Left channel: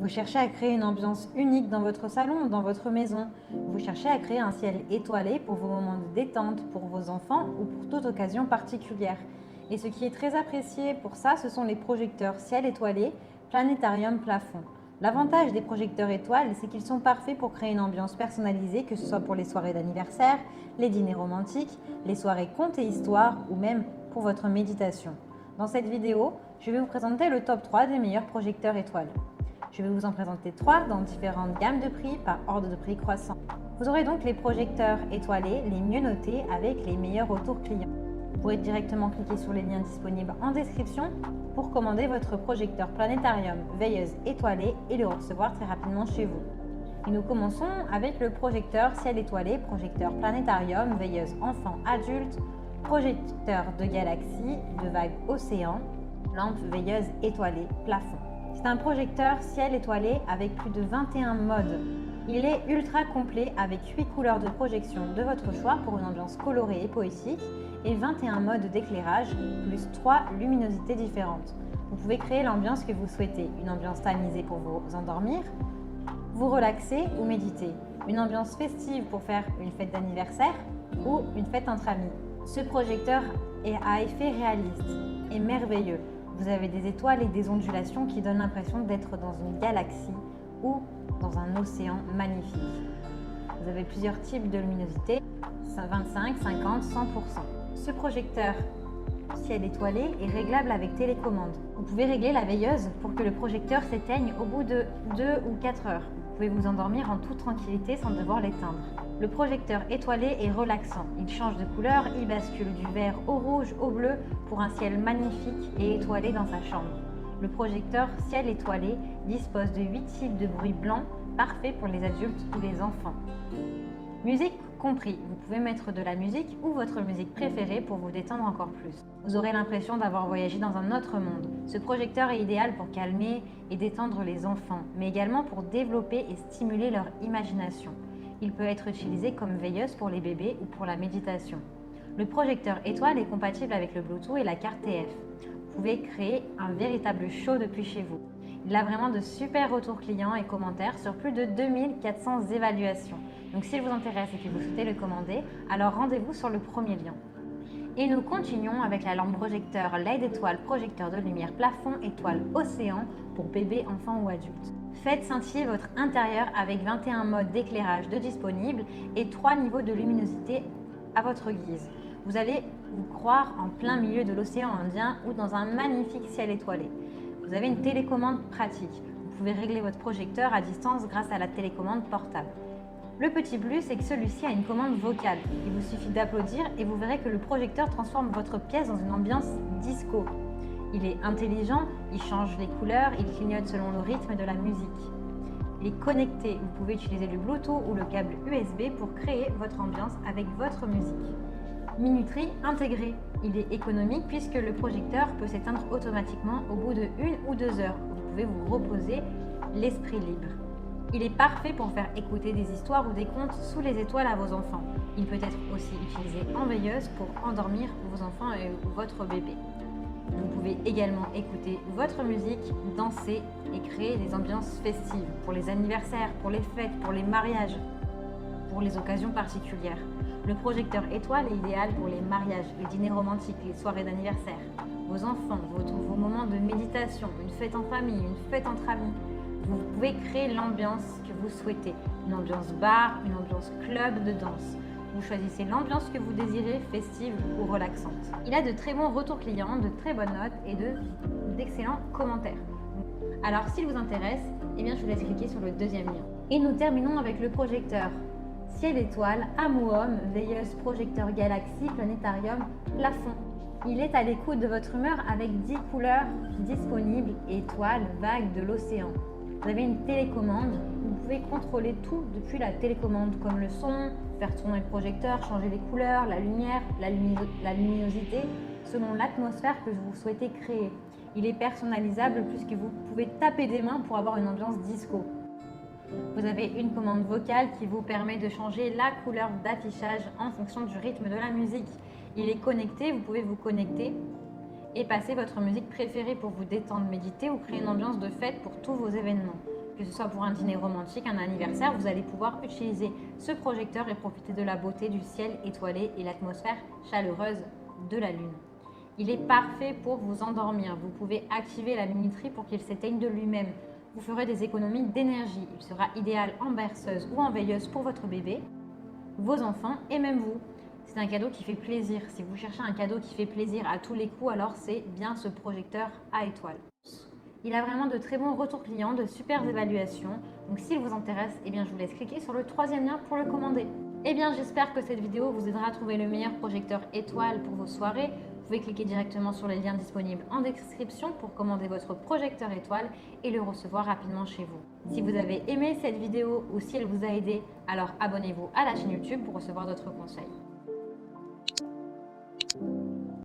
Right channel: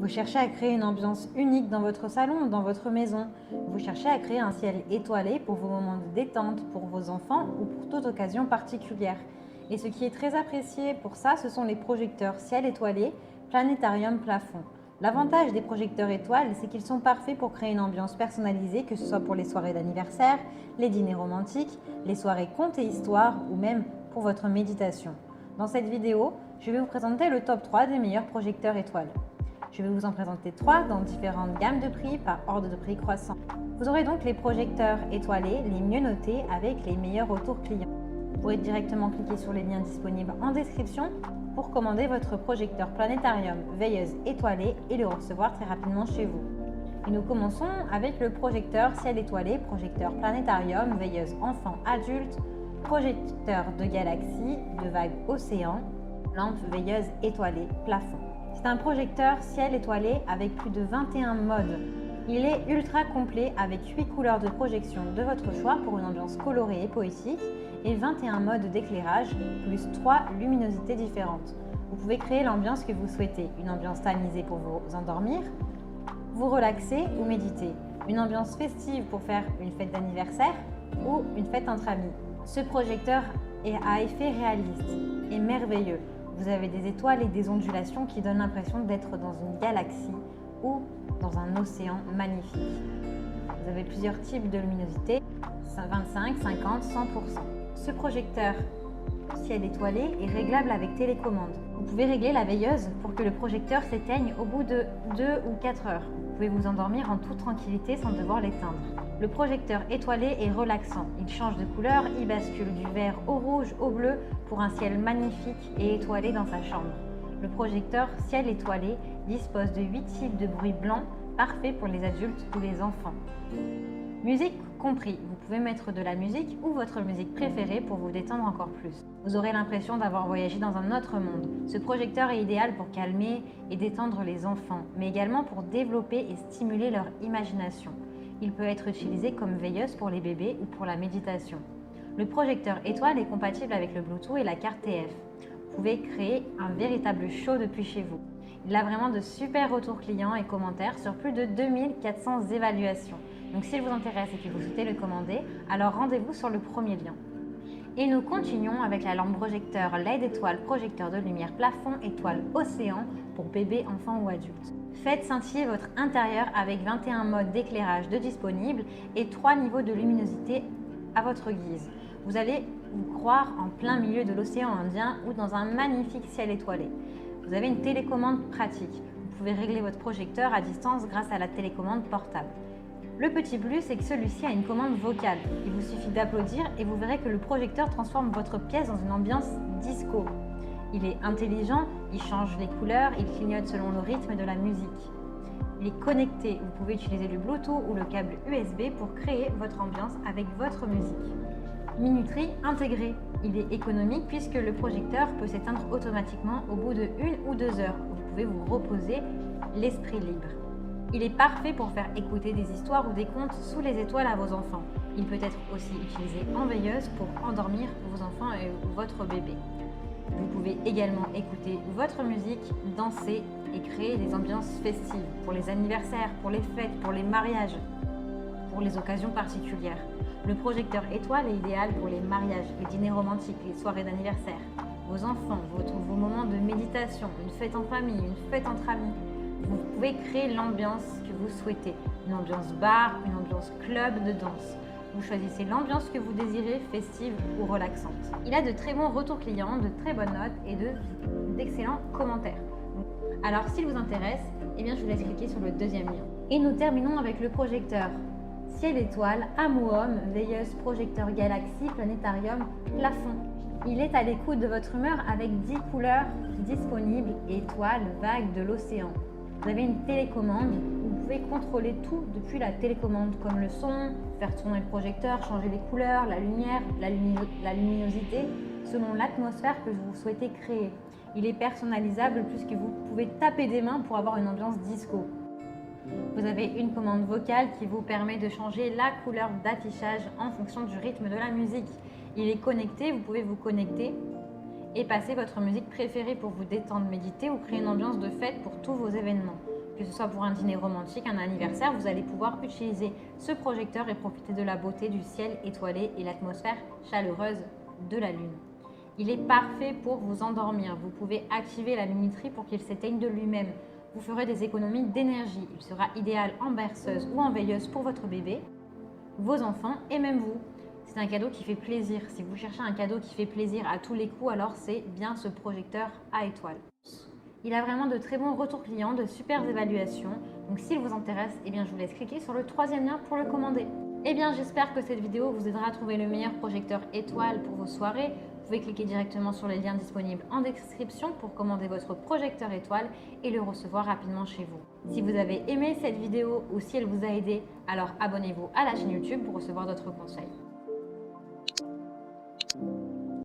Vous cherchez à créer une ambiance unique dans votre salon ou dans votre maison. Vous cherchez à créer un ciel étoilé pour vos moments de détente, pour vos enfants ou pour toute occasion particulière. Et ce qui est très apprécié pour ça, ce sont les projecteurs ciel étoilé, planétarium plafond. L'avantage des projecteurs étoiles, c'est qu'ils sont parfaits pour créer une ambiance personnalisée, que ce soit pour les soirées d'anniversaire, les dîners romantiques, les soirées contes et histoires ou même pour votre méditation. Dans cette vidéo, je vais vous présenter le top 3 des meilleurs projecteurs étoiles. Je vais vous en présenter 3 dans différentes gammes de prix par ordre de prix croissant. Vous aurez donc les projecteurs étoilés les mieux notés avec les meilleurs retours clients. Vous pourrez directement cliquer sur les liens disponibles en description pour commander votre projecteur planétarium veilleuse étoilée et le recevoir très rapidement chez vous. Et nous commençons avec le projecteur ciel étoilé, projecteur planétarium veilleuse enfant adulte, projecteur de galaxie, de vague océan, lampe veilleuse étoilée plafond. C'est un projecteur ciel étoilé avec plus de 21 modes. Il est ultra complet avec 8 couleurs de projection de votre choix pour une ambiance colorée et poétique et 21 modes d'éclairage plus 3 luminosités différentes. Vous pouvez créer l'ambiance que vous souhaitez, une ambiance tamisée pour vous endormir, vous relaxer ou méditer, une ambiance festive pour faire une fête d'anniversaire ou une fête entre amis. Ce projecteur est à effet réaliste et merveilleux. Vous avez des étoiles et des ondulations qui donnent l'impression d'être dans une galaxie ou dans un océan magnifique. Vous avez plusieurs types de luminosité, 25, 50, 100%. Ce projecteur ciel étoilé est réglable avec télécommande. Vous pouvez régler la veilleuse pour que le projecteur s'éteigne au bout de 2 ou 4 heures. Vous pouvez vous endormir en toute tranquillité sans devoir l'éteindre. Le projecteur étoilé est relaxant. Il change de couleur, il bascule du vert au rouge au bleu pour un ciel magnifique et étoilé dans sa chambre. Le projecteur ciel étoilé dispose de 8 types de bruits blancs parfaits pour les adultes ou les enfants. Musique compris, vous pouvez mettre de la musique ou votre musique préférée pour vous détendre encore plus. Vous aurez l'impression d'avoir voyagé dans un autre monde. Ce projecteur est idéal pour calmer et détendre les enfants, mais également pour développer et stimuler leur imagination. Il peut être utilisé comme veilleuse pour les bébés ou pour la méditation. Le projecteur étoile est compatible avec le Bluetooth et la carte TF. Vous pouvez créer un véritable show depuis chez vous. Il a vraiment de super retours clients et commentaires sur plus de 2400 évaluations. Donc s'il vous intéresse et que vous souhaitez le commander, alors rendez-vous sur le premier lien. Et nous continuons avec la lampe projecteur LED étoile projecteur de lumière plafond étoile océan pour bébé, enfant ou adulte. Faites scintiller votre intérieur avec 21 modes d'éclairage de disponibles et 3 niveaux de luminosité à votre guise. Vous allez vous croire en plein milieu de l'océan Indien ou dans un magnifique ciel étoilé. Vous avez une télécommande pratique. Vous pouvez régler votre projecteur à distance grâce à la télécommande portable. Le petit plus, c'est que celui-ci a une commande vocale. Il vous suffit d'applaudir et vous verrez que le projecteur transforme votre pièce dans une ambiance disco. Il est intelligent, il change les couleurs, il clignote selon le rythme de la musique. Il est connecté, vous pouvez utiliser le Bluetooth ou le câble USB pour créer votre ambiance avec votre musique. Minuterie intégrée. Il est économique puisque le projecteur peut s'éteindre automatiquement au bout de 1 ou 2 heures. Vous pouvez vous reposer l'esprit libre. Il est parfait pour faire écouter des histoires ou des contes sous les étoiles à vos enfants. Il peut être aussi utilisé en veilleuse pour endormir vos enfants et votre bébé. Vous pouvez également écouter votre musique, danser et créer des ambiances festives pour les anniversaires, pour les fêtes, pour les mariages, pour les occasions particulières. Le projecteur étoile est idéal pour les mariages, les dîners romantiques, les soirées d'anniversaire. Vos enfants, vos moments de méditation, une fête en famille, une fête entre amis. Vous pouvez créer l'ambiance que vous souhaitez, une ambiance bar, une ambiance club de danse. Vous choisissez l'ambiance que vous désirez, festive ou relaxante. Il a de très bons retours clients, de très bonnes notes et d'excellents commentaires. Alors s'il vous intéresse, je vous laisse cliquer sur le deuxième lien. Et nous terminons avec le projecteur ciel étoile, Amuom, veilleuse projecteur galaxie, planétarium, plafond. Il est à l'écoute de votre humeur avec 10 couleurs disponibles, étoiles, vagues de l'océan. Vous avez une télécommande, vous pouvez contrôler tout depuis la télécommande, comme le son, faire tourner le projecteur, changer les couleurs, la lumière, la luminosité, selon l'atmosphère que vous souhaitez créer. Il est personnalisable puisque vous pouvez taper des mains pour avoir une ambiance disco. Vous avez une commande vocale qui vous permet de changer la couleur d'affichage en fonction du rythme de la musique. Il est connecté, vous pouvez vous connecter et passez votre musique préférée pour vous détendre, méditer ou créer une ambiance de fête pour tous vos événements. Que ce soit pour un dîner romantique, un anniversaire, vous allez pouvoir utiliser ce projecteur et profiter de la beauté du ciel étoilé et l'atmosphère chaleureuse de la lune. Il est parfait pour vous endormir. Vous pouvez activer la minuterie pour qu'elle s'éteigne de lui-même. Vous ferez des économies d'énergie. Il sera idéal en berceuse ou en veilleuse pour votre bébé, vos enfants et même vous. C'est un cadeau qui fait plaisir. Si vous cherchez un cadeau qui fait plaisir à tous les coups, alors c'est bien ce projecteur à étoiles. Il a vraiment de très bons retours clients, de super évaluations. Donc s'il vous intéresse, je vous laisse cliquer sur le 3e lien pour le commander. J'espère que cette vidéo vous aidera à trouver le meilleur projecteur étoile pour vos soirées. Vous pouvez cliquer directement sur les liens disponibles en description pour commander votre projecteur étoile et le recevoir rapidement chez vous. Si vous avez aimé cette vidéo ou si elle vous a aidé, alors abonnez-vous à la chaîne YouTube pour recevoir d'autres conseils.